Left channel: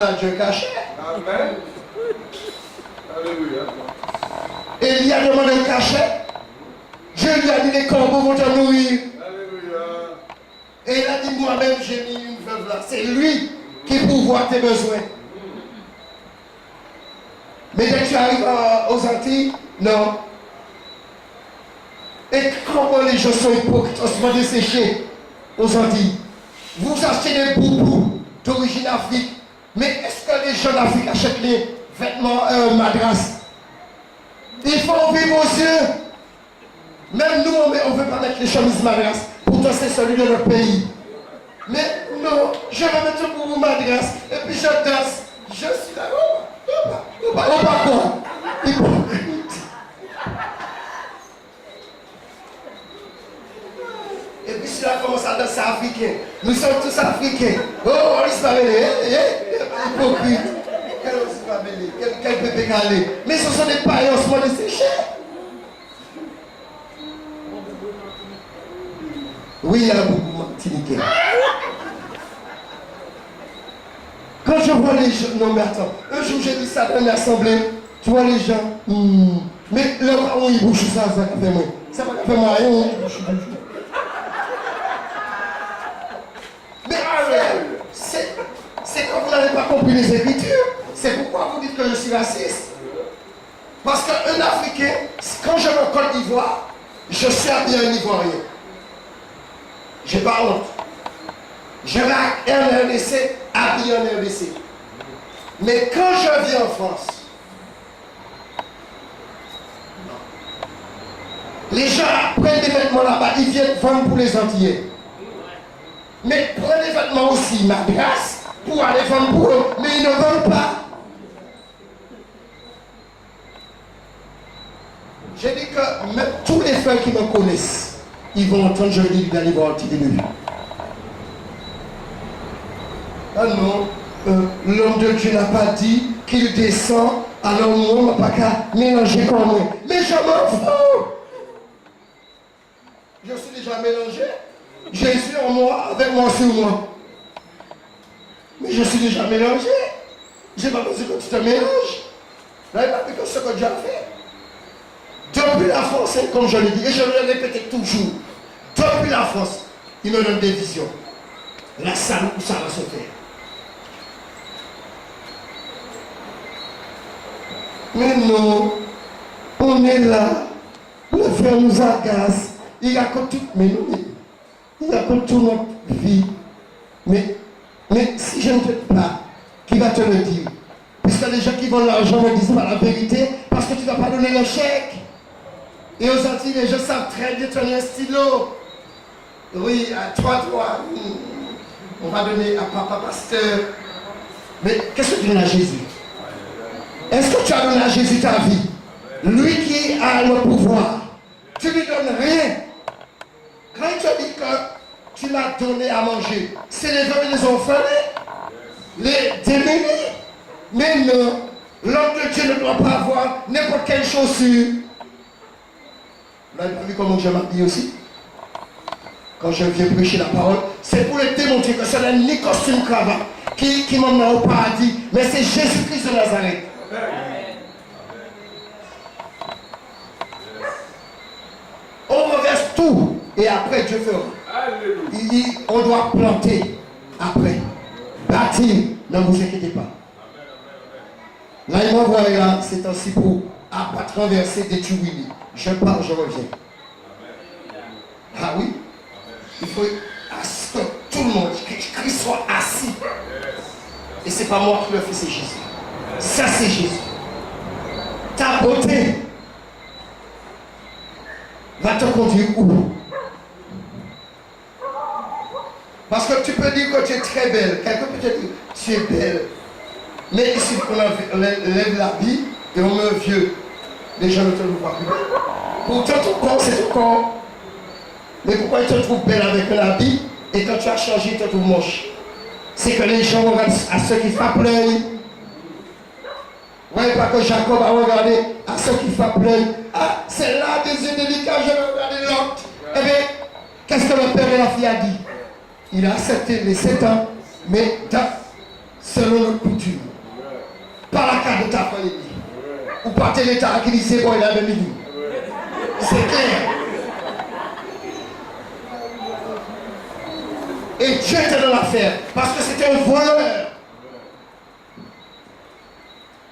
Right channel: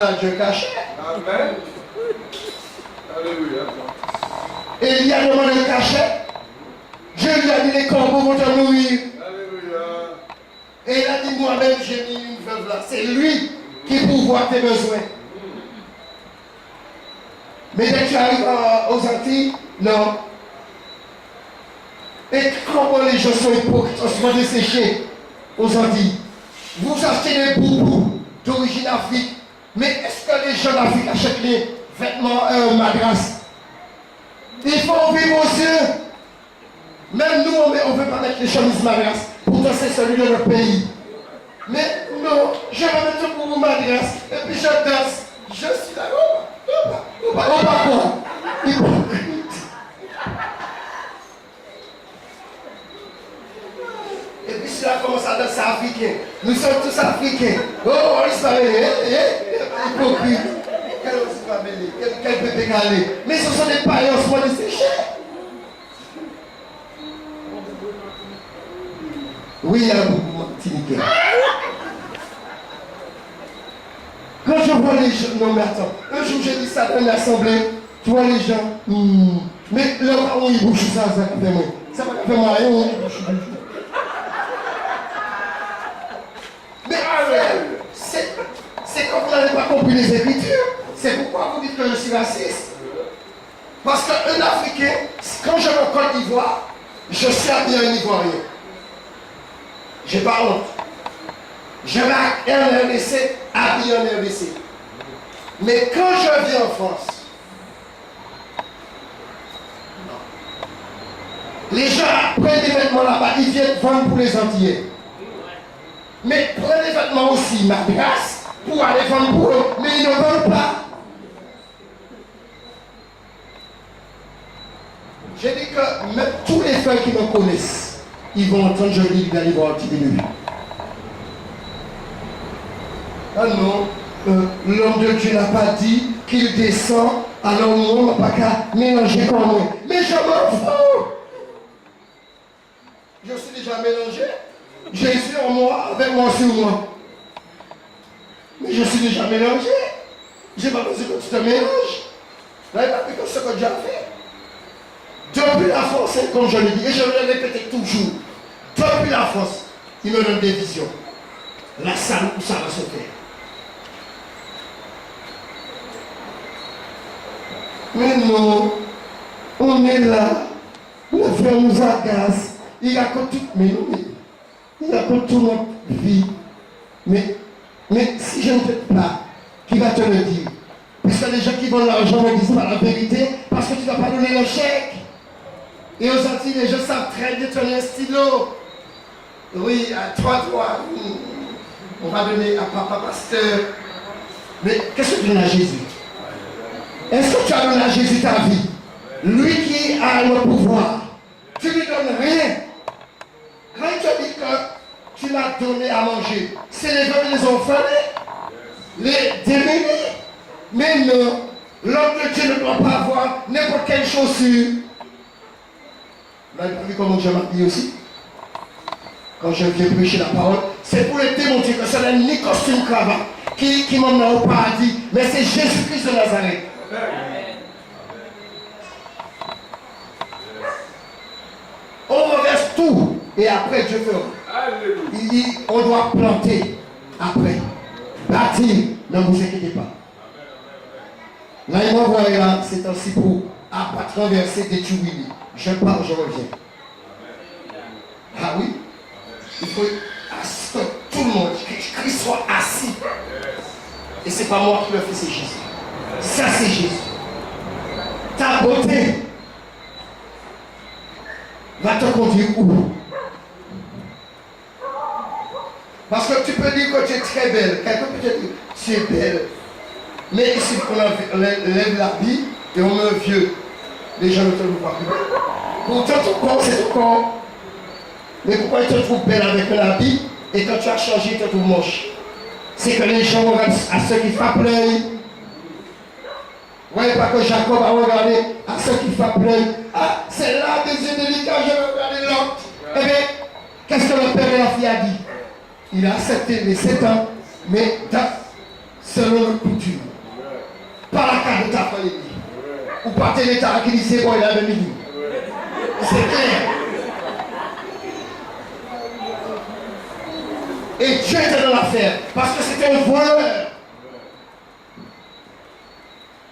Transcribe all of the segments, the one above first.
Dieu caché. Amen. Alléluia. Et il y a demandé le cachet. Dieu lui a dit les corbeaux vont te nourrir. Alléluia. Et il a dit moi-même j'ai mis une veuve là. C'est lui qui pourvoit tes besoins. Mais dès que tu arrives aux Antilles, non. Et comment les gens sont hypocrites, on se voit dessécher aux Antilles. Vous achetez des boubous d'origine Afrique. Mais est-ce que les gens d'Afrique achètent les vêtements madras? Il faut vivre aux yeux. Même nous, on ne veut pas mettre les chemises madras. Pourtant, c'est celui de notre pays. Mais non, je vais mettre un boubou madras. Et puis je danse. Je suis là. Oh, quoi? Hypocrite. Et puis si là commence à danser africain. Nous sommes tous africains. Oh, on se va hypocrite. Quel bébé calé. Mais ce sont des païens, on se voit dessécher. Oui, il y a beaucoup Martiniquais. Quand je vois les gens, non mais attends, un jour j'ai dit ça dans une assemblée, tu vois les gens, mais là où ils bouchent ça va faire moi. Ça va faire moi, rien, ils bouchent. Mais c'est quand vous n'avez pas compris les Écritures. C'est pourquoi vous dites que je suis raciste. Parce qu'un Africain, quand je vais en Côte d'Ivoire, je suis habillé un Ivoirien. J'ai pas honte. Je vais en RDC, habillé en RDC. Mais quand je viens en France, les gens prennent des vêtements là-bas, ils viennent vendre pour les Antillais. Mais prenez des vêtements aussi, ma grâce, pour aller vendre pour eux, mais ils ne vendent pas. J'ai dit que même tous les frères qui me connaissent, ils vont entendre je dis d'aller voir un petit début. Ah non, l'homme de Dieu n'a pas dit qu'il descend, alors on n'a pas qu'à mélanger comme moi. Mais je m'en fous. Je suis déjà mélangé. Jésus en moi, avec moi sur moi. Mais je suis déjà mélangé. Je n'ai pas besoin que tu te mélanges. Là, il n'a plus que ce que Dieu a fait. Depuis la force, comme je l'ai dit, et je le répète toujours, depuis la force, il me donne des visions. La salle où ça va se faire. Mais non, on est là, le frère nous agace, il raconte tout, mais non, il raconte toute notre vie. Mais si je ne fais pas, qui va te le dire? Puisque les gens qui vendent l'argent ne disent pas la vérité, parce que tu ne vas pas donner le chèque. Et aux Antilles, les gens savent très bien donner un stylo. Oui, à toi, on va donner à papa pasteur. Mais qu'est-ce que tu donnes à Jésus? Est-ce que tu as donné à Jésus ta vie? Lui qui a le pouvoir. Tu ne lui donnes rien. Quand il te dit que tu l'as donné à manger, c'est les hommes et les orphelins, les démunis. Mais non, l'homme de Dieu ne doit pas avoir n'importe quelle chaussure. Vous avez vu comment je m'habille aussi? Quand je viens prêcher la parole, c'est pour les démontrer que ce n'est ni costume cravate qui m'emmène au paradis, mais c'est Jésus-Christ de Nazareth. On renverse tout et après Dieu fera. Il dit on doit planter après, bâtir, ne vous inquiétez pas. Là il m'envoie là, c'est ainsi pour abattre, renverser, détruire. Je pars, je reviens. Ah oui? Il faut que tout le monde, que Christ soit assis. Et c'est pas moi qui le fais, c'est Jésus. Ça c'est Jésus. Ta beauté va te conduire où? Parce que tu peux dire que tu es très belle. Quelqu'un peut te dire tu es belle. Mais ici, on lève la vie et on met vieux. Les gens ne te trouvent pas plus belle. Pourtant, ton corps, c'est ton corps. Mais pourquoi ils te trouvent belle avec un habit et quand tu as changé, ils te trouvent moche? C'est que les gens regardent à ceux qui frappent l'œil. Voyez pas que Jacob a regardé à ceux qui frappent l'œil. Ah, c'est là des yeux délicats, je vais regarder l'autre. Eh bien, qu'est-ce que le père et la fille a dit? Il a accepté les 7 ans, mais selon notre coutume. Pas la carte de ta famille. Ou pas tel état qui dit c'est bon, il a même dit. C'est clair. Et Dieu était dans l'affaire parce que c'était un voleur.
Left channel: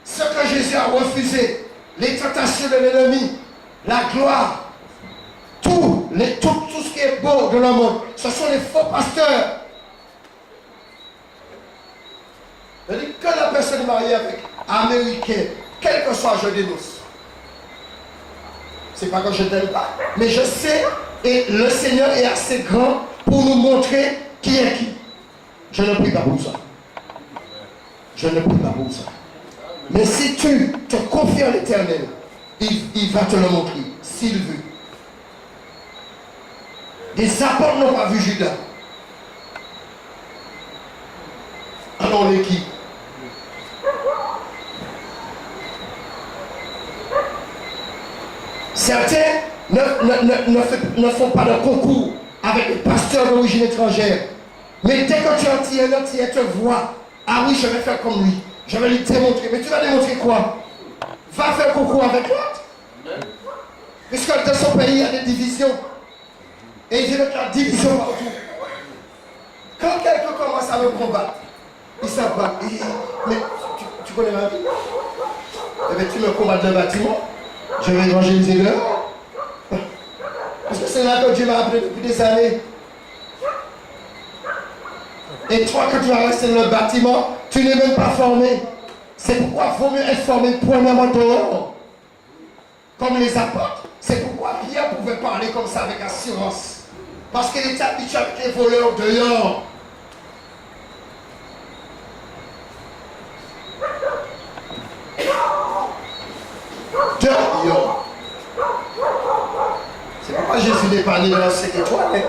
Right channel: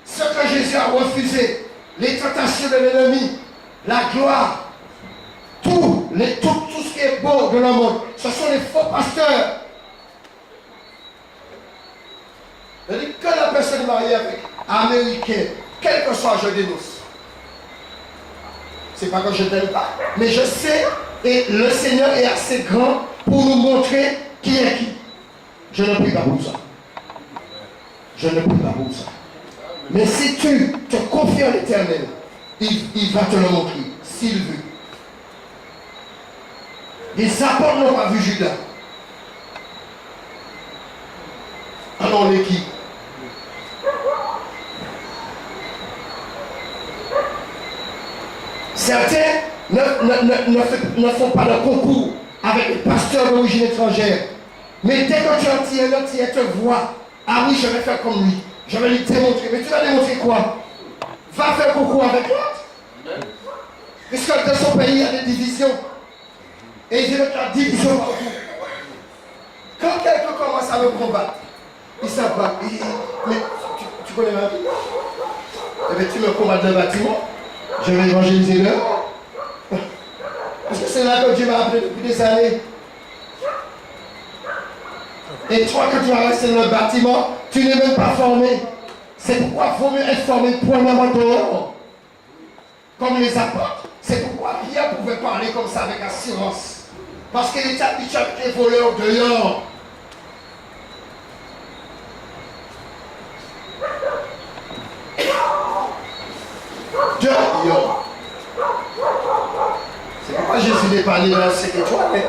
Ce que Jésus a refusé, les tentations de l'ennemi, la gloire, tout ce qui est beau de le monde, ce sont les faux pasteurs. Je dis que la personne mariée avec américain, quel que soit, je dénonce. C'est pas que je t'aime pas, mais je sais, et le Seigneur est assez grand pour nous montrer qui est qui. Je ne prie pas pour ça. Je ne prie pas pour ça. Mais si tu te confies à l'Éternel, il va te le montrer, s'il veut. Les apôtres n'ont pas vu Judas. Alors les qui? Certains ne font pas de concours avec les pasteurs d'origine étrangère. Mais dès que tu en tiens, tu te vois. Ah oui, je vais faire comme lui. Je vais lui démontrer. Mais tu vas démontrer quoi? Va faire concours avec l'autre. Puisque dans son pays, il y a des divisions. Et il y a la division partout. Quand quelqu'un commence à me combattre, il s'abat. Mais tu connais ma vie? Eh bien, tu me combats dans le bâtiment. Je vais évangéliser l'heure. Parce que c'est là que Dieu m'a appelé depuis des années. Et toi que tu vas rester dans le bâtiment, tu n'es même pas formé. C'est pourquoi il faut mieux être formé premièrement dehors. Comme les apôtres. C'est pourquoi Pierre pouvait parler comme ça avec assurance. Parce qu'il était habitué avec les voleurs dehors. Dehors. C'est pourquoi Jésus n'est pas né dans cette étoile.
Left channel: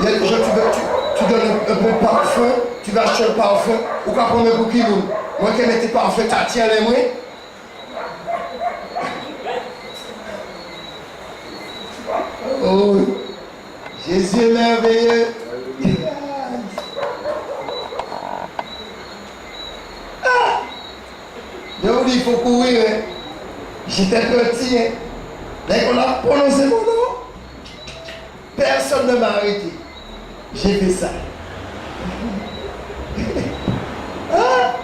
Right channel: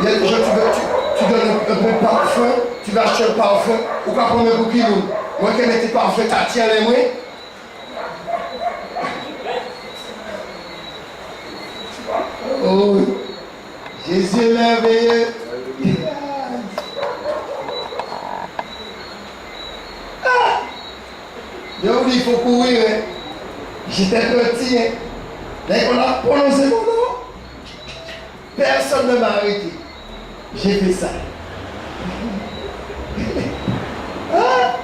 Il y a des gens, tu donnes un peu de parfum, tu vas acheter un parfum, ou quoi prendre un bouquet. Moi qui mets tes parfums, tu tiens les mains. Oh, Jésus est merveilleux. Ah, il faut courir. Hein. J'étais petit. Hein. Dès qu'on a prononcé mon nom, personne ne m'a arrêté. J'ai fait ça. Ah.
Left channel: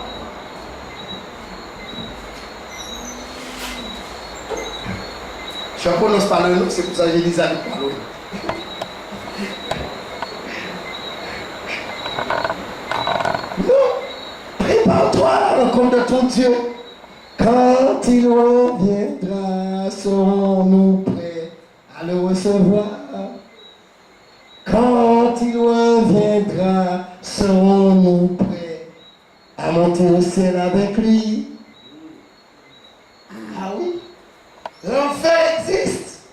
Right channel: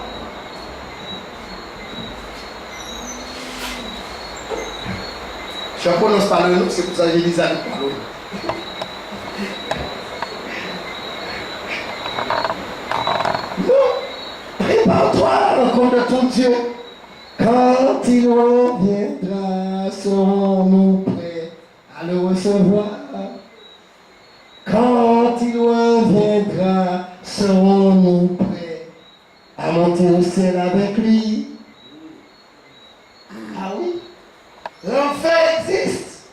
Je ne prononce pas le nom, c'est pour ça que j'ai dit ça. Non, prépare-toi à la rencontre de ton Dieu. Quand il reviendra, serons-nous prêts à le recevoir? Quand il reviendra, serons-nous prêts à monter au ciel avec lui? Ah oui, l'enfer existe.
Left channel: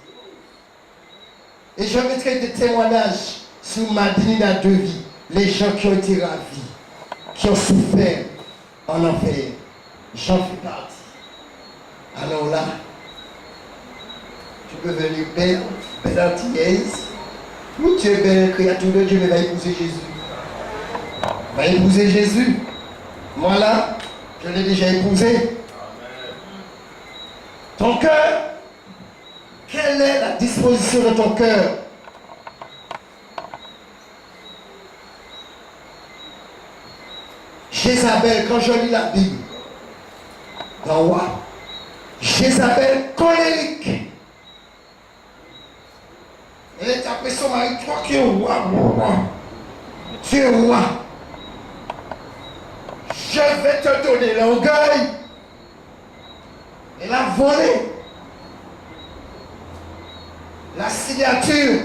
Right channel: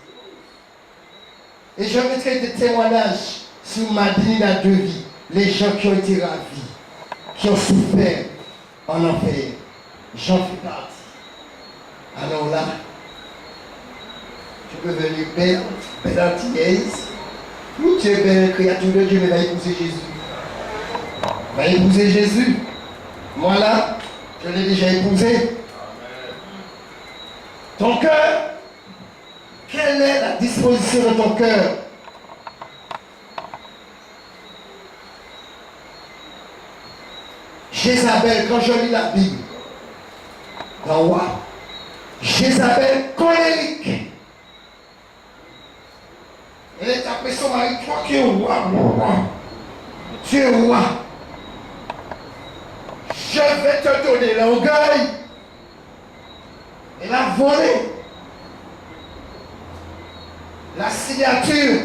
Et je mettrai des témoignages sur ma dignité de vie. Les gens qui ont été ravis, qui ont souffert en enfer. J'en fais partie. Alors là, tu peux venir belle antillaise. Ou tu es belle créature de Dieu, mais va épouser Jésus. Va épouser Jésus. Moi là, je l'ai déjà épousé. Ton cœur, quelle est la disposition de ton cœur? Jézabel, quand je lis la Bible, dans roi, Jézabel colérique. Elle est après son mari, toi qui es roi, tu es roi. Je vais te donner l'orgueil. Elle a volé la signature,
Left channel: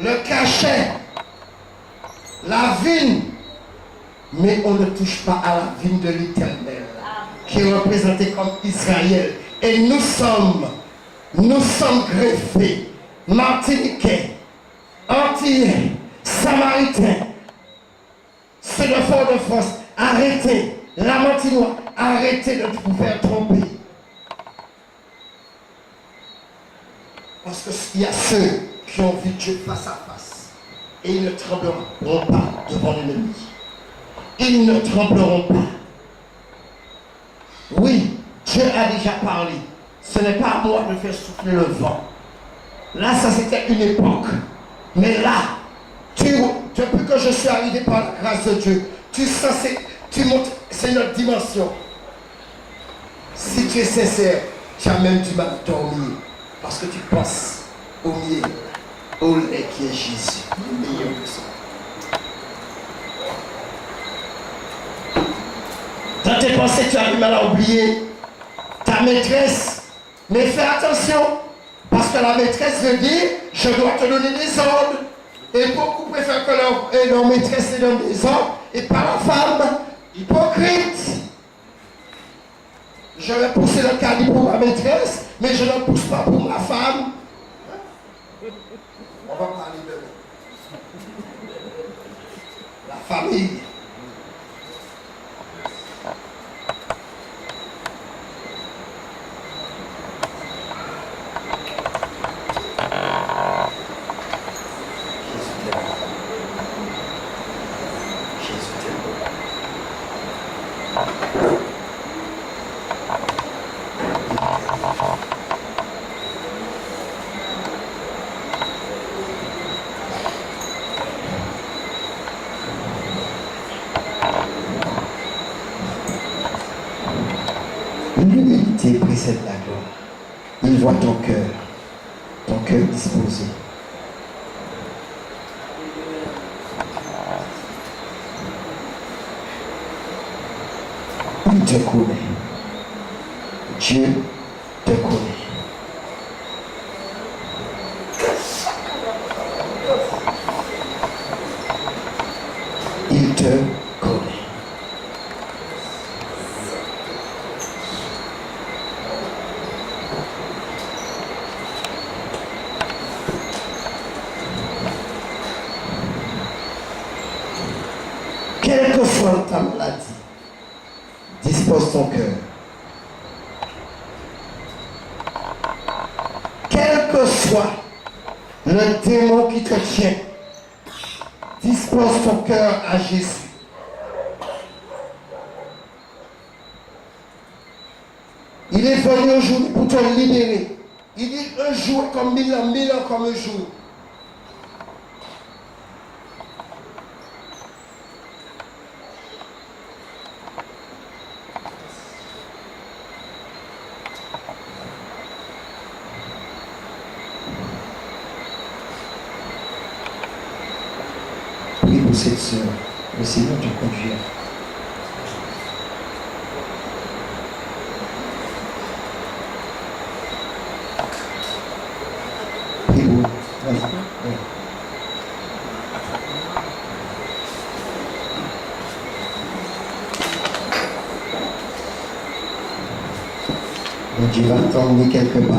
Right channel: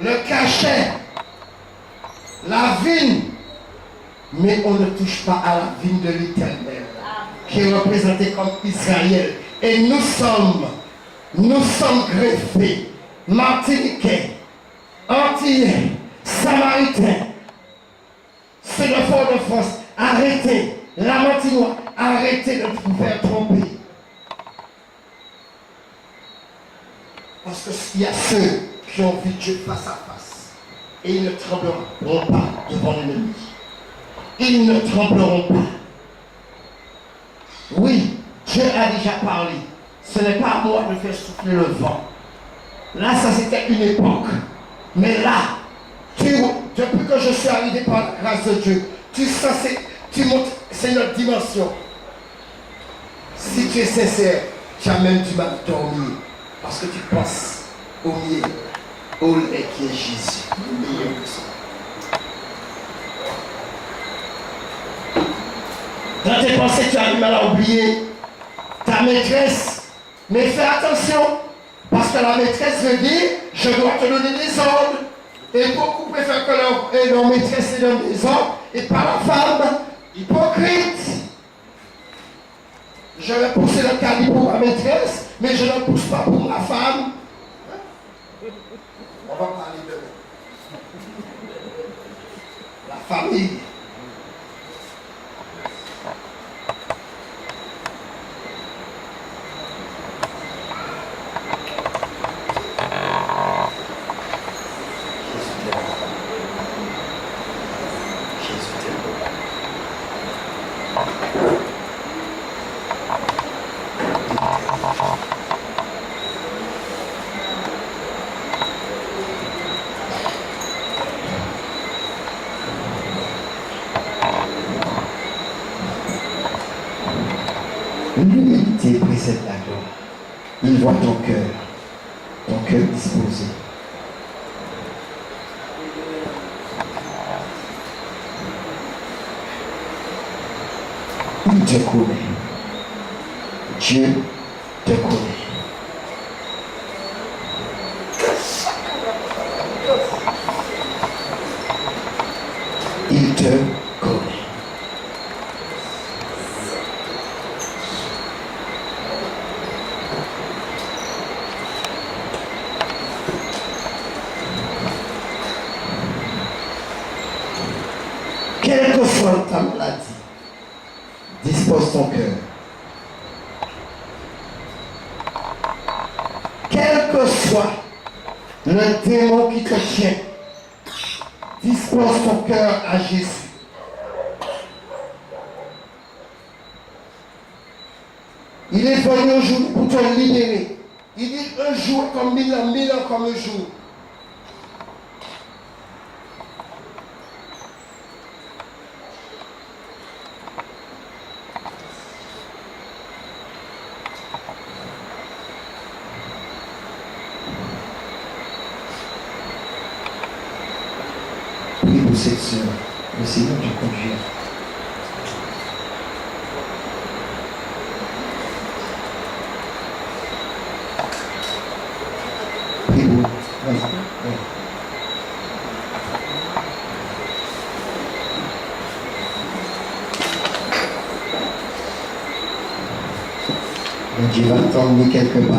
le cachet, la vigne. Mais on ne touche pas à la vigne de l'Éternel, qui est représentée comme Israël. Et nous sommes greffés, martiniquais, antillais, samaritains, ceux de Fort-de-France. Arrêtez, la Martinois, arrêtez de vous faire tromper. Parce qu'il y a ceux qui ont vu Dieu face à face. et ils ne trembleront pas devant l'ennemi. Ils ne trembleront pas. Oui, Dieu a déjà parlé. Ce n'est pas à moi de faire souffler le vent. Là, ça c'était une époque. Mais là, depuis que je suis arrivé par la grâce de Dieu, tu montes, c'est notre dimension. Si tu es sincère, tu as même du mal à dormir. Parce que tu penses au mieux, au lait qui est Jésus, le meilleur que ça. Dans tes pensées, tu as du mal à oublier ta maîtresse. Mais fais attention, parce que la maîtresse veut dire, je dois te donner des ordres. Et beaucoup préfèrent que leur maîtresse leur donne des ordres, et pas la femme. Hypocrite. Je vais pousser le caddie pour ma maîtresse, mais je ne pousse pas pour ma femme. On va parler de la famille. L'humilité précède la gloire. Il voit ton cœur disposé. Il te connaît. Dieu te connaît. Il te connaît. Quelle que soit ta maladie, dispose ton cœur. Quel que soit le démon qui te tient, dispose ton cœur à Jésus. Il est venu aujourd'hui pour te libérer. Il dit un jour comme 1000 ans, 1000 ans comme un jour. Prie pour cette sœur. Le Seigneur te conduira. Prie pour. Vas-y. Ouais. Et Dieu va t'emmener quelque part.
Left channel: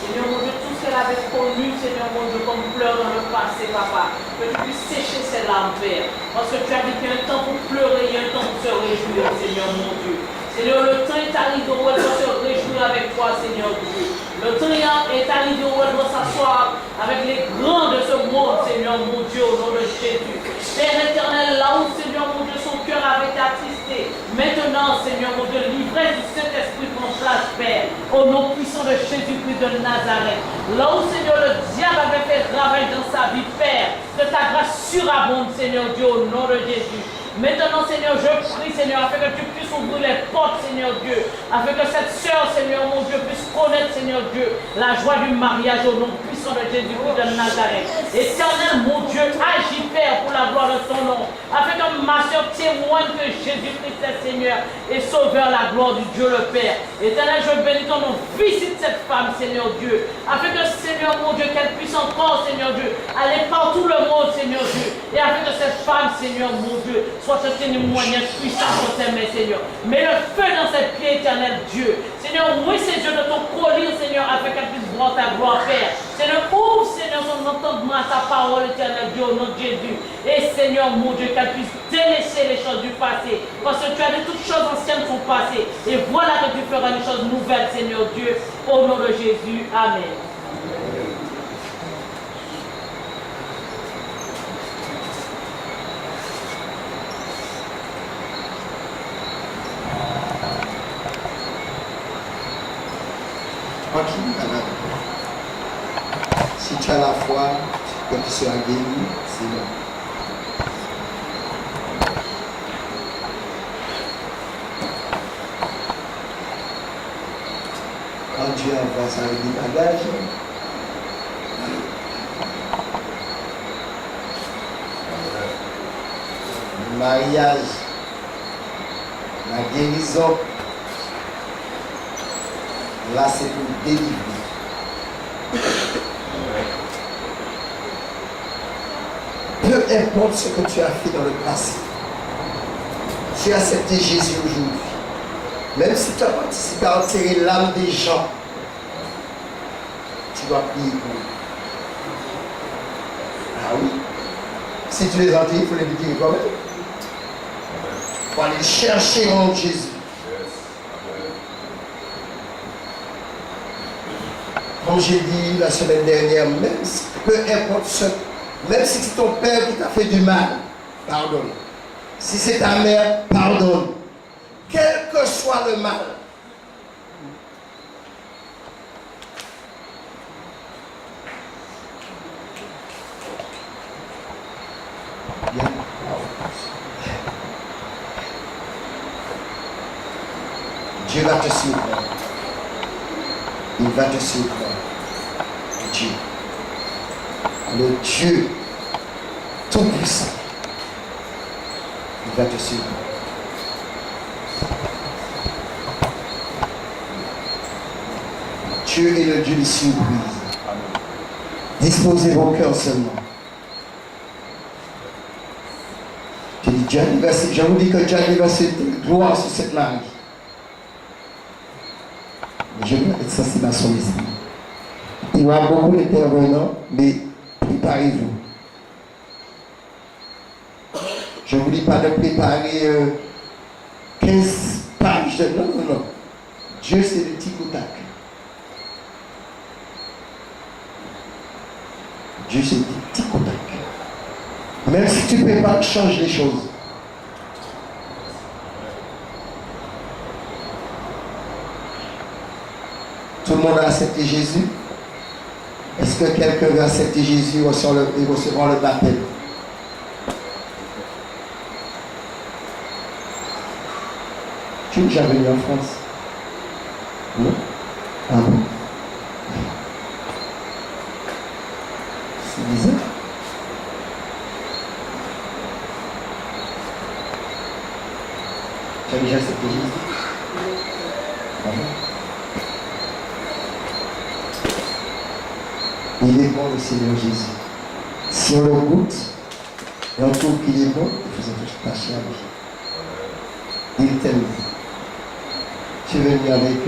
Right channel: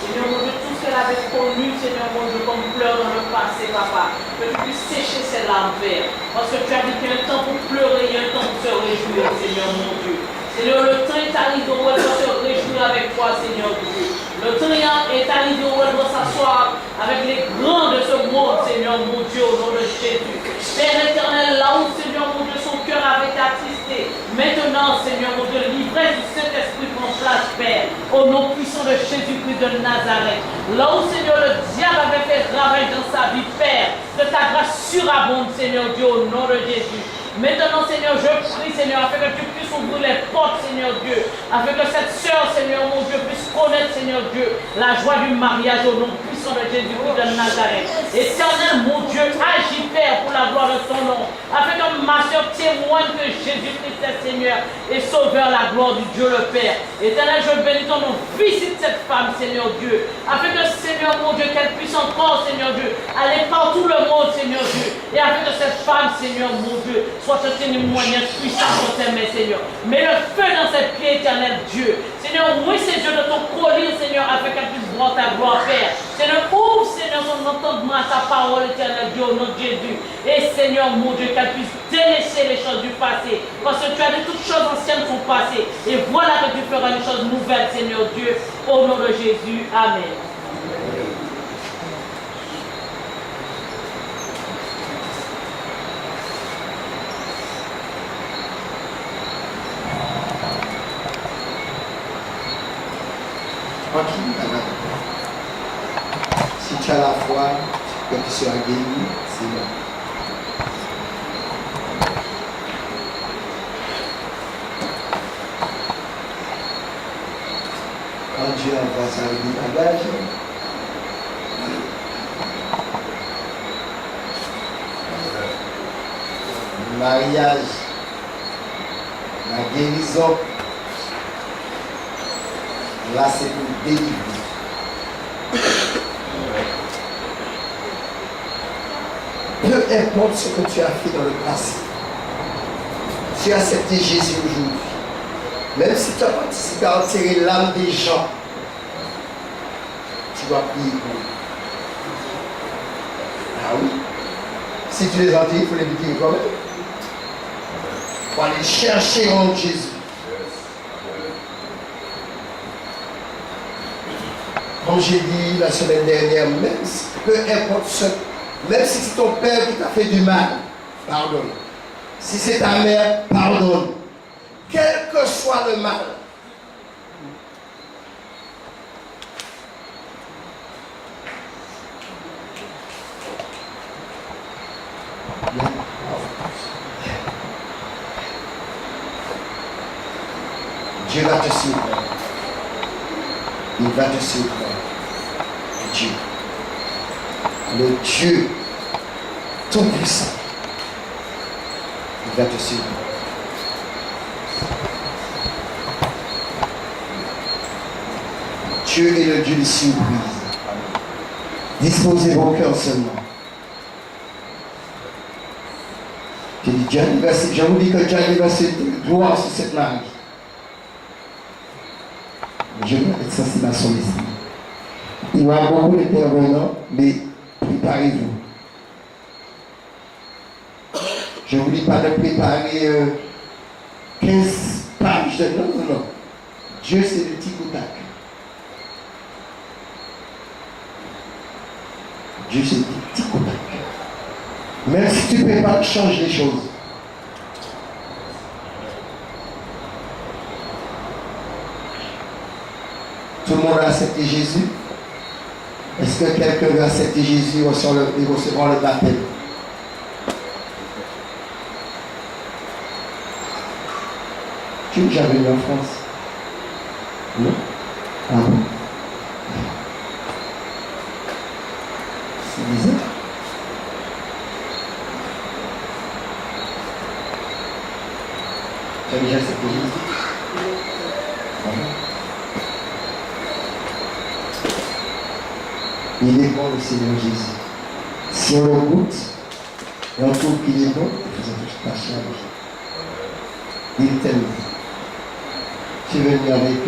Seigneur mon Dieu, tout ce qu'elle avait connu, Seigneur mon Dieu, comme pleurs dans le passé, papa, que tu puisses sécher ses larmes, Père. Parce que tu as dit qu'il y a un temps pour pleurer, il y a un temps pour se réjouir, Seigneur mon Dieu. Seigneur, le temps est arrivé où elle doit se réjouir avec toi, Seigneur Dieu. Le temps est arrivé où elle doit s'asseoir avec les grands de ce monde, Seigneur mon Dieu, au nom de Jésus. Père éternel, là où, Seigneur mon Dieu, son cœur avait été attristé, maintenant, Seigneur mon Dieu, l'ivresse du Saint-Esprit prend place, Père, au nom puissant de Jésus-Christ de Nazareth. Là où, Seigneur, le diable avait fait ravage dans sa vie, Père, que ta grâce surabonde, Seigneur Dieu, au nom de Jésus. Maintenant, Seigneur, je prie, Seigneur, afin que tu puisses ouvrir les portes, Seigneur Dieu, afin que cette sœur, Seigneur, mon Dieu, puisse connaître, Seigneur Dieu, la joie du mariage au nom puissant de Jésus-Christ de Nazareth. Éternel, mon Dieu, agis, Père, pour la gloire de ton nom, afin que ma sœur témoigne que Jésus-Christ est Seigneur et sauveur, la gloire du Dieu le Père. Éternel, je bénis ton nom, visite cette femme, Seigneur Dieu, afin que, Seigneur, mon Dieu, qu'elle puisse encore, Seigneur Dieu, aller partout le monde, Seigneur Dieu, et afin que cette femme, Seigneur, mon Dieu, soit un témoignage puissant pour tes mains, Seigneur. Mets le feu dans ses pieds, éternel Dieu. Seigneur, oui, c'est Dieu de ton collier, Seigneur, afin qu'elle puisse recevoir ta gloire, Père. Seigneur, ouvre, Seigneur, son entendement à ta parole éternelle, Dieu, au nom de Jésus. Et Seigneur, mon Dieu, qu'elle puisse délaisser les choses du passé. Parce que tu as dit toutes choses anciennes sont passées. Et voilà que tu feras une chose nouvelle, Seigneur Dieu, au nom de Jésus. Amen. Tranquille, madame. Si tu as la foi que tu seras guéri, c'est bon. Quand Dieu envoie ça avec des bagages, le mariage, la guérison, là c'est pour délivrer. Peu importe ce que tu as fait dans le passé, tu as accepté Jésus aujourd'hui. Même si tu as participé à enterrer l'âme des gens, tu dois prier pour eux. Ah oui. Si tu les enterres, il faut les dire toi-même. Il faut aller chercher en Jésus. Comme j'ai dit la semaine dernière, même si, peu importe ce, même si c'est ton père qui t'a fait du mal, pardonne. Si c'est ta mère, pardonne. Quel que soit le mal. Dieu va te suivre. Il va te suivre. Dieu. Le Dieu tout-puissant. Il va te suivre. Dieu est le Dieu des surprises. Disposez vos cœurs seulement. Je dis, je vous dis que Dieu va se gloire sur cette langue. Je vais être sensible à son esprit. Il y aura beaucoup d'intervenants, mais préparez-vous. Je ne vous dis pas de préparer 15 pages de... Non, non, non. Dieu, c'est le tic au tac. Dieu, c'est le tic au tac. Même si tu prépares, change les choses. Tout le monde a accepté Jésus. Est-ce que quelqu'un veut accepter Jésus et recevoir le baptême? Tu es déjà venu en France? Non? Ah bon? C'est bizarre. Tu as déjà accepté Jésus? Ah bon? Il est bon le Seigneur Jésus. Si on le goûte et on trouve qu'il est bon, il faut tous passer avec. Il t'aime. Tu es venu avec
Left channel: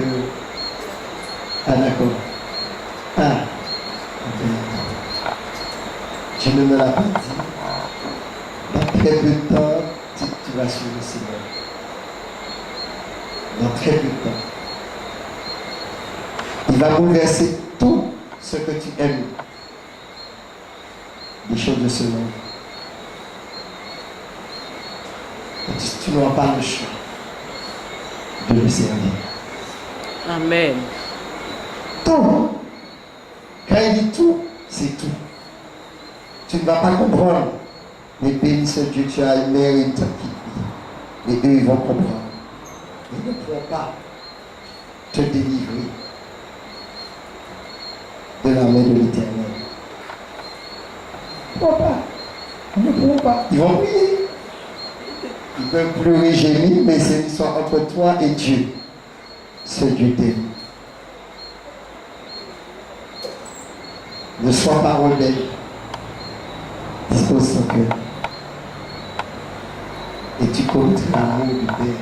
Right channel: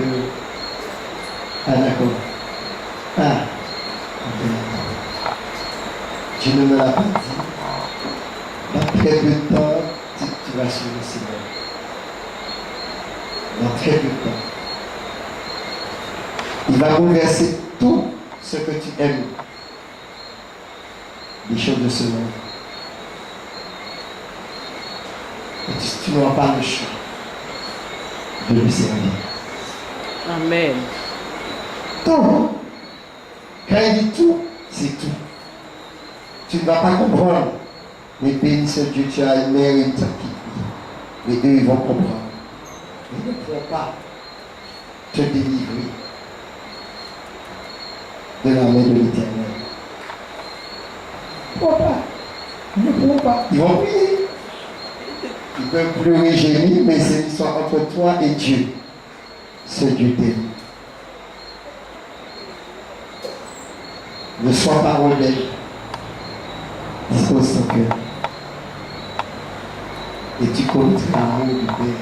ah d'accord. Ah, Dieu ne me l'a pas dit. Dans très peu de temps, tu vas suivre le Seigneur. Dans très peu de temps. Il va bouleverser tout ce que tu aimes, les choses de ce monde. Et tu n'auras pas le choix de lui servir. Amen. Tout. Quand il dit tout, c'est tout. Tu ne vas pas comprendre. Mais béni soit Dieu, tu as une mère et une tante qui prie. Mais eux, ils vont comprendre. Ils ne pourront pas te délivrer de la main de l'Éternel. Ils ne pourront pas. Ils ne pourront pas. Ils vont prier. Ils peuvent pleurer, gémir, mais c'est une histoire entre toi et Dieu. Ce Dieu t'aime. Ne sois pas rebelle. Dispose ton cœur. Et tu connaîtras l'amour du Père.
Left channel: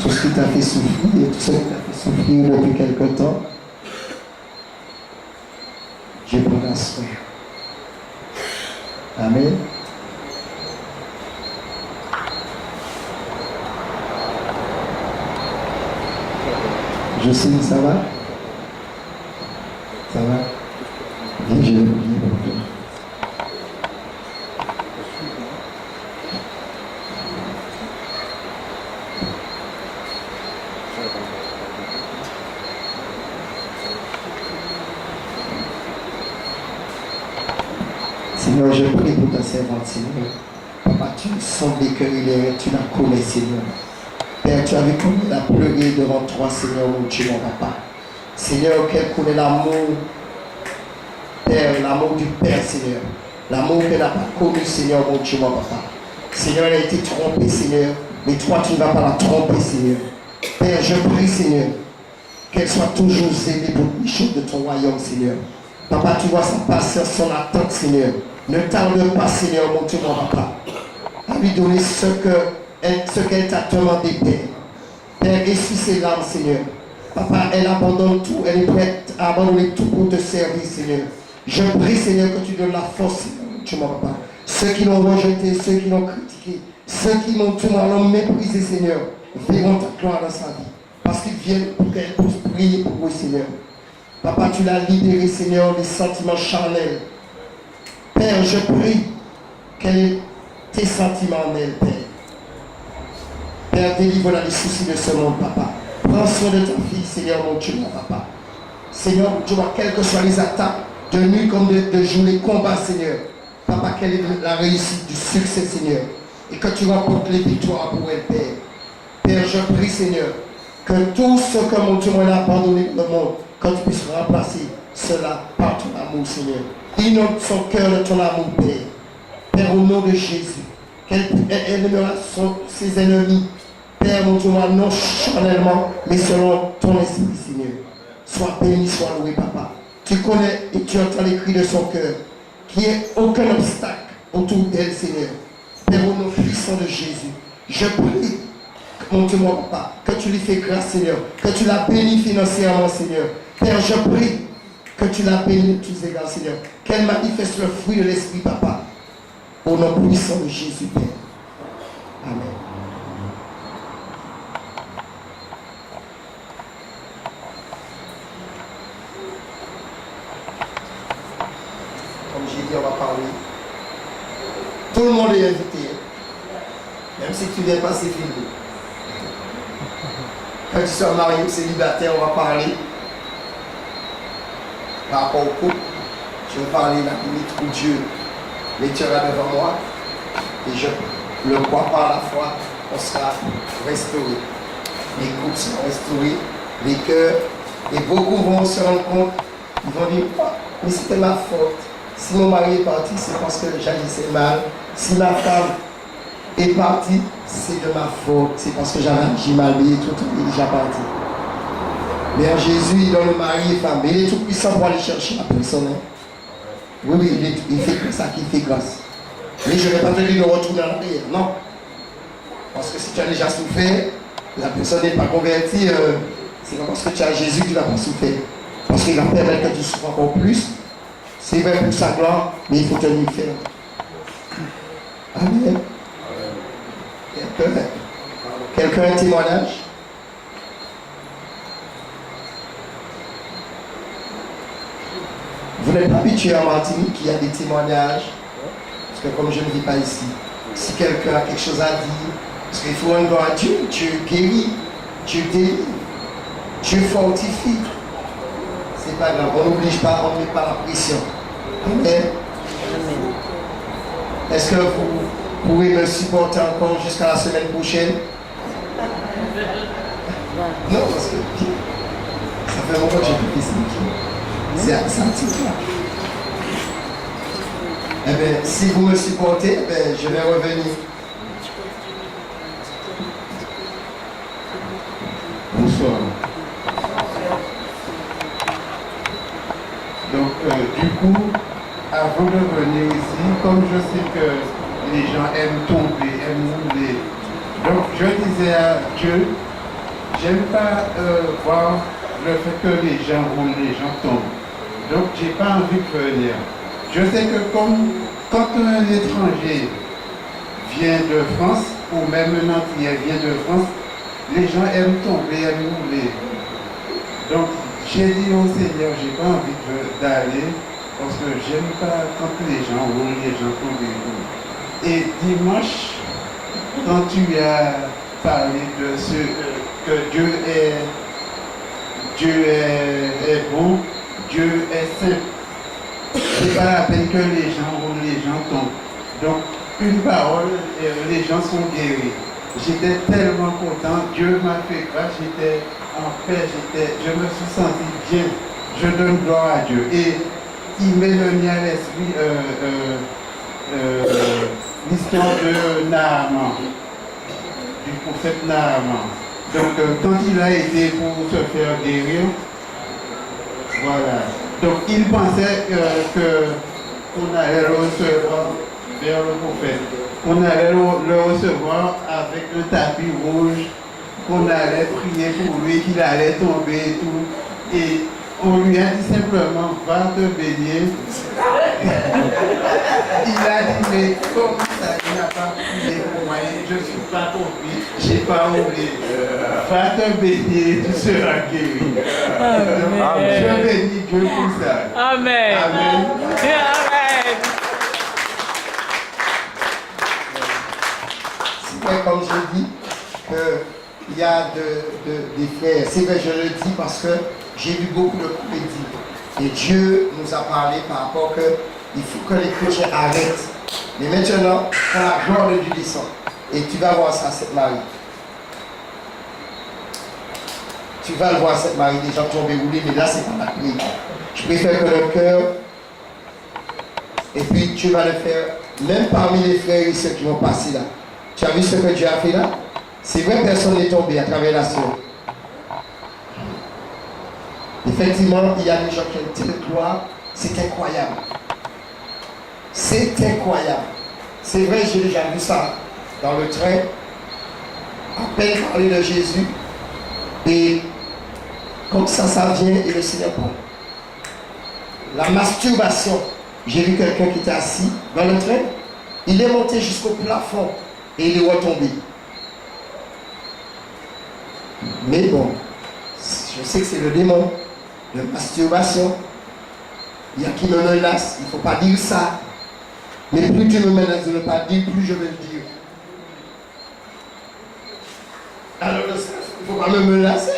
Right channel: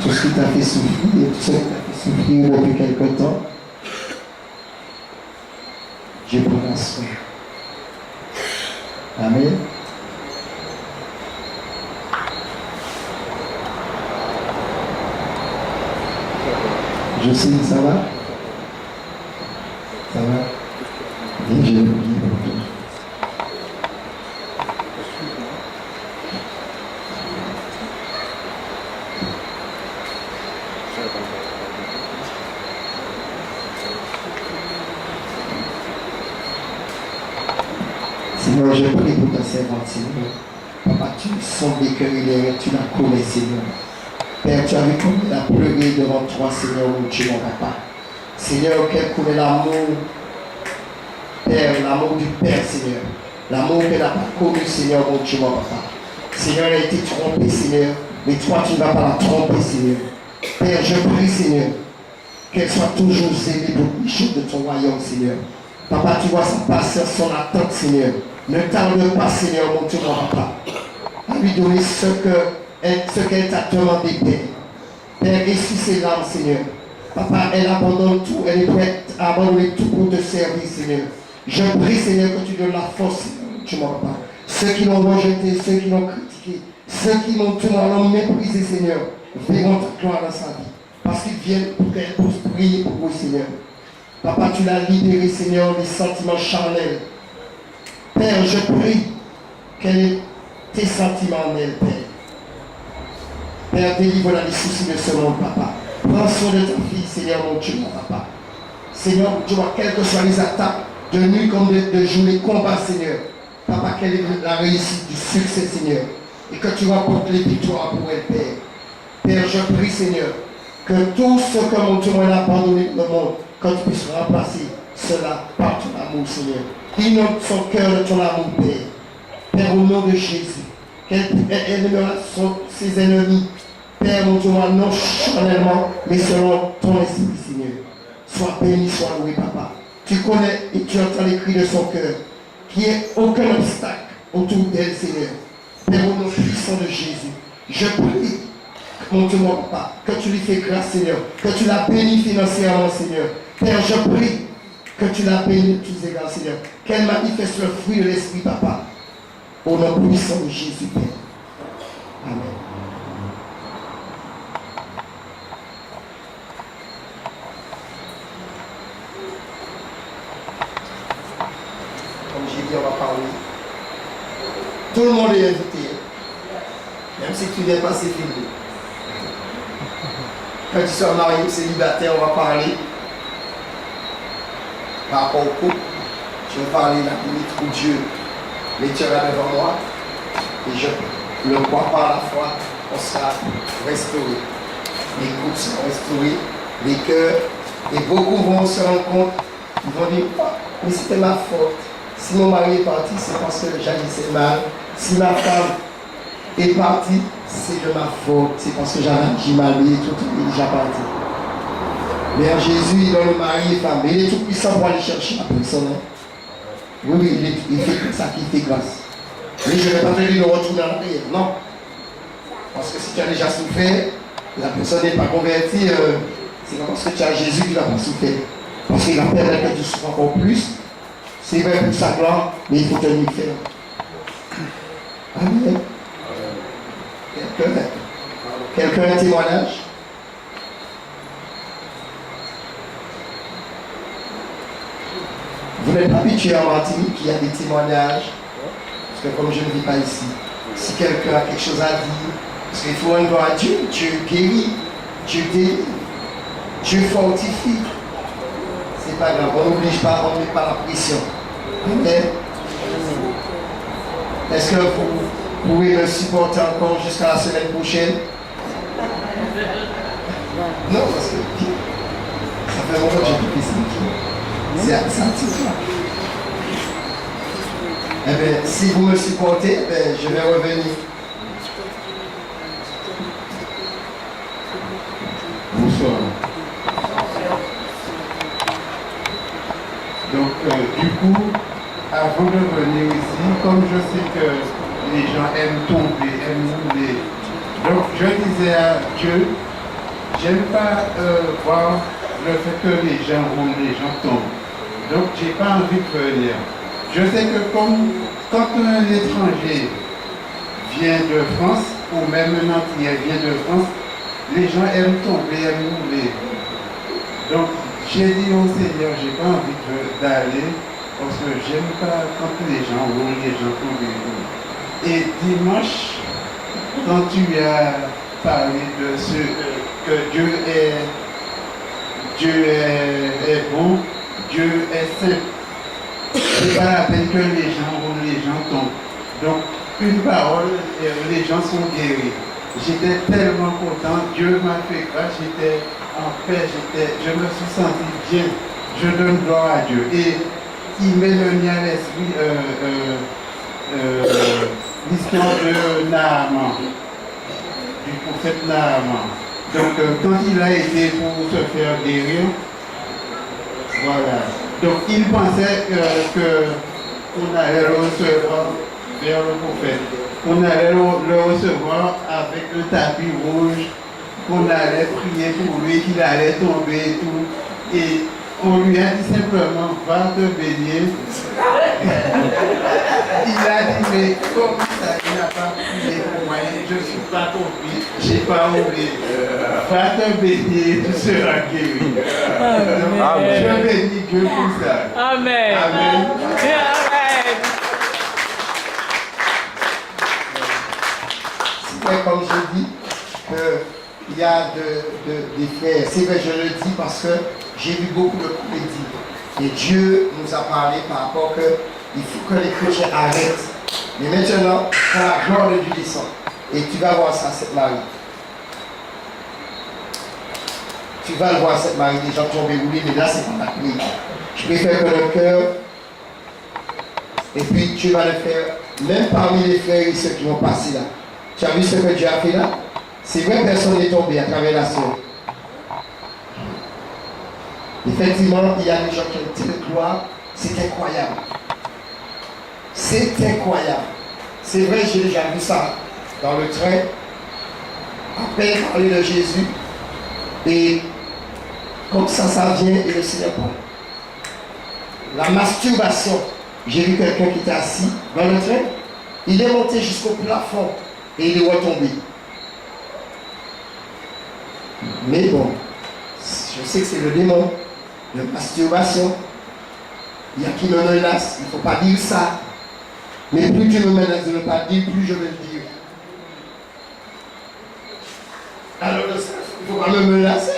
Tout ce qui t'a fait souffrir et tout ce qui t'a fait souffrir depuis quelque temps, Dieu prendra soin. Amen. Jocelyne, ça va? Ça va? Viens, je vais prier pour toi. Seigneur, je prie pour ta servante, Seigneur. Papa, tu sondes les cœurs et les rêves, tu la connais, Seigneur. Père, tu as vu comme elle a pleuré devant toi, Seigneur, mon Dieu, mon papa. Seigneur, qu'elle connaît l'amour, Père, l'amour du Père, Seigneur. L'amour qu'elle n'a pas connu, Seigneur, mon Dieu, mon papa. Seigneur, elle a été trompée, Seigneur. Mais toi, tu ne vas pas la tromper, Seigneur. Père, je prie, Seigneur, qu'elle soit toujours aimée pour les choses de ton royaume, Seigneur. Papa, tu vois sa patience, son attente, Seigneur. Ne tarde pas, Seigneur, mon Dieu, mon papa, à lui donner ce qu'elle t'a demandé, Père. Père, essuie ses larmes, Seigneur. Papa, elle abandonne tout, elle est prête à abandonner tout pour te servir, Seigneur. Je prie, Seigneur, que tu donnes la force, Seigneur, mon Dieu, mon papa. Ceux qui l'ont rejeté, ceux qui l'ont critiqué, ceux qui l'ont méprisé, Seigneur, verront ta gloire dans sa vie. Parce qu'ils viennent pour qu'elle puisse prier pour vous, Seigneur. Papa, tu l'as libéré, Seigneur, des sentiments charnels. Père, je prie qu'elle ait tes sentiments en elle, Père. Père, délivre-la des soucis de ce monde, Papa. Prends soin de ta fille, Seigneur, mon Dieu, mon Papa. Seigneur, mon Dieu, quelles que soient les attaques, de nuit comme de jour, les combats, Seigneur. Papa, quelle est la réussite du succès, Seigneur. Et que tu remportes les victoires pour elle, Père. Père, je prie, Seigneur, que tout ce que mon Dieu m'a abandonné dans le monde, que tu puisses remplacer cela par ton amour, Seigneur. Inonde son cœur de ton amour, Père. Père, au nom de Jésus, qu'elle aimera ses ennemis. Père, mon Dieu, non charnellement, mais selon ton esprit, Seigneur. Sois béni, sois loué, Papa. Tu connais et tu entends les cris de son cœur. Qu'il n'y ait aucun obstacle autour d'elle, Seigneur. Père, au nom puissant de Jésus, je prie, mon Dieu, mon Papa, que tu lui fais grâce, Seigneur. Que tu la bénis financièrement, Seigneur. Père, je prie que tu la bénis de tous égards, Seigneur. Qu'elle manifeste le fruit de l'Esprit, Papa. Au nom puissant de Jésus, Père. Amen. Comme j'ai dit, on va parler. Tout le monde est invité. Même si tu ne viens pas, c'est fini. Quand tu sois marié ou célibataire, on va parler. Par rapport au couple, je vais parler la limite où Dieu mettra devant moi. Et je le crois par la foi, on sera restauré. Les couples seront restaurés, les cœurs. Et beaucoup vont se rendre compte, ils vont dire, oh, mais c'était ma faute. Si mon mari est parti, c'est parce que j'agissais mal. Si ma femme est partie, c'est de ma faute. C'est parce que j'avais agi mal, mais tout est déjà parti. Mais en Jésus, il donne le mari et femme. Mais il est tout puissant pour aller chercher la personne. Hein? Oui, il fait que ça qui fait grâce. Mais je ne vais pas te dire de retourner en arrière. Non. Parce que si tu as déjà souffert, la personne n'est pas convertie, c'est pas parce que tu as Jésus que tu n'as pas souffert. Parce qu'il va permettre que tu souffres encore plus. C'est vrai pour sa gloire, mais il faut tenir ferme. Amen. Quelqu'un a un témoignage? Vous n'êtes pas habitué en Martinique qu'il y a des témoignages, parce que comme je ne vis pas ici, si quelqu'un a quelque chose à dire, parce qu'il faut rendre à Dieu, Dieu guérit, Dieu délivre, Dieu fortifie. C'est pas grave, on n'oblige pas, on ne met pas la pression. Amen. Est-ce que vous pouvez me supporter encore jusqu'à la semaine prochaine? Non, parce que ça fait longtemps que j'ai pu ici. C'est un sentiment. Eh bien, si vous me supportez, eh je vais revenir. Bonsoir. Donc, du coup, avant de venir ici, comme je sais que les gens aiment tomber, aiment rouler, donc je disais à Dieu, j'aime pas voir le fait que les gens roulent, les gens tombent. Donc, j'ai pas envie de venir. Je sais que quand un étranger vient de France, ou même un Antillais vient de France, les gens aiment tomber, aiment rouler. Donc, j'ai dit au Seigneur, j'ai pas envie d'aller, parce que j'aime pas quand les gens roulent, les gens tombent. Et dimanche, quand tu as parlé de ce que Dieu est bon, Dieu est saint. C'est pas la peine que les gens roulent, les gens tombent. Donc, une parole, les gens sont guéris. J'étais tellement content, Dieu m'a fait grâce, j'étais en paix, je me suis senti bien. Je donne gloire à Dieu. Et il m'est venu à l'esprit l'histoire de Naaman, du prophète Naaman. Donc, quand il a été pour se faire guérir, voilà. Donc, il pensait qu'on allait le recevoir vers le prophète, qu'on allait le recevoir avec un tapis rouge, qu'on allait prier pour lui, qu'il allait tomber et tout. Et on lui a dit simplement, va te baigner. Il a dit, mais comment ça, il n'a pas prié pour moi, je ne suis pas tombé, je n'ai pas roulé. Va te baigner, tu seras guéri. Amen. Je bénis Dieu pour ça. Amen. Amen. Amen. C'est vrai, comme je dis, qu'il y a des frères. C'est vrai, je le dis parce que j'ai vu beaucoup de comédies. Et Dieu nous a parlé par rapport qu'il faut que les chrétiens arrêtent. Mais maintenant, quand la gloire de Dieu descend, et tu vas voir ça, cette Marie. Tu vas le voir, cette Marie, des gens tombés roulés, mais là, c'est pas la prière. Je préfère que le cœur, et puis tu vas le faire, même parmi les frères et ceux qui vont passer là. Tu as vu ce que Dieu a fait là? C'est vrai, personne n'est tombé à travers la soeur. Effectivement, il y a des gens qui ont telle gloire, c'est incroyable. C'est incroyable. C'est vrai, j'ai déjà vu ça dans le train, à peine parler de Jésus, et comme ça vient et le Seigneur parle. La masturbation, j'ai vu quelqu'un qui était assis dans le train, il est monté jusqu'au plafond et il est retombé. Mais bon, je sais que c'est le démon, la masturbation. Il y a qui me menace, il ne faut pas dire ça. Mais plus tu me menaces de ne pas dire, plus je vais le dire. Alors, il ne faut pas me menacer.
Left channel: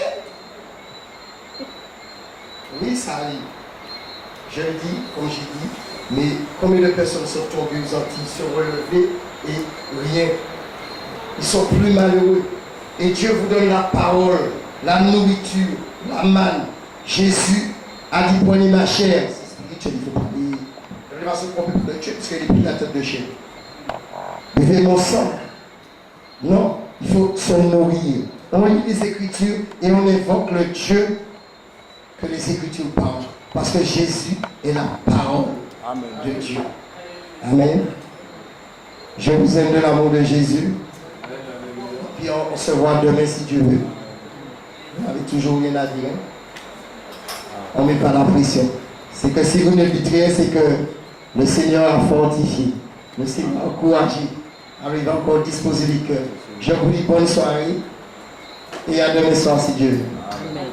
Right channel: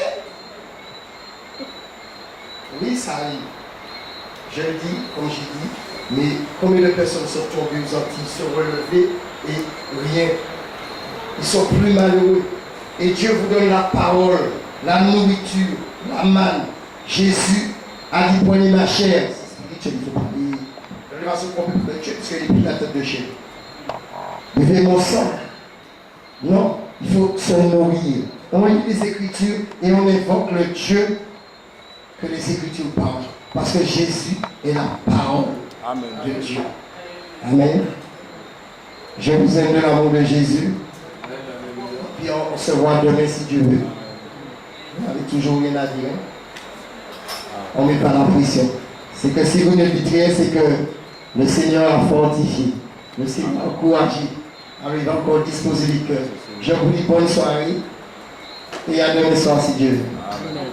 Oui, ça arrive. Je le dis, comme j'ai dit, mais combien de personnes sont tombées aux Antilles, sont relevées et rien. Ils sont plus malheureux. Et Dieu vous donne la parole, la nourriture, la manne. Jésus a dit, prenez ma chair. C'est spirituel, il ne faut pas dire. Je ne vais pas se tromper pour le Dieu, parce qu'il est plus la tête de chair. Buvez mon sang. Non, il faut se nourrir. On lit les Écritures et on évoque le Dieu que les Écritures parlent. Parce que Jésus est la parole de Dieu. Amen. Je vous aime de l'amour de Jésus. Puis on se voit demain si Dieu veut. Vous n'avez toujours rien à dire. On ne met pas la pression. C'est que si vous ne dites rien, c'est que le Seigneur a fortifié. Le Seigneur a encouragé. Alors il va encore disposer les cœurs. Je vous dis bonne soirée. Et à demain soir si Dieu veut. Amen.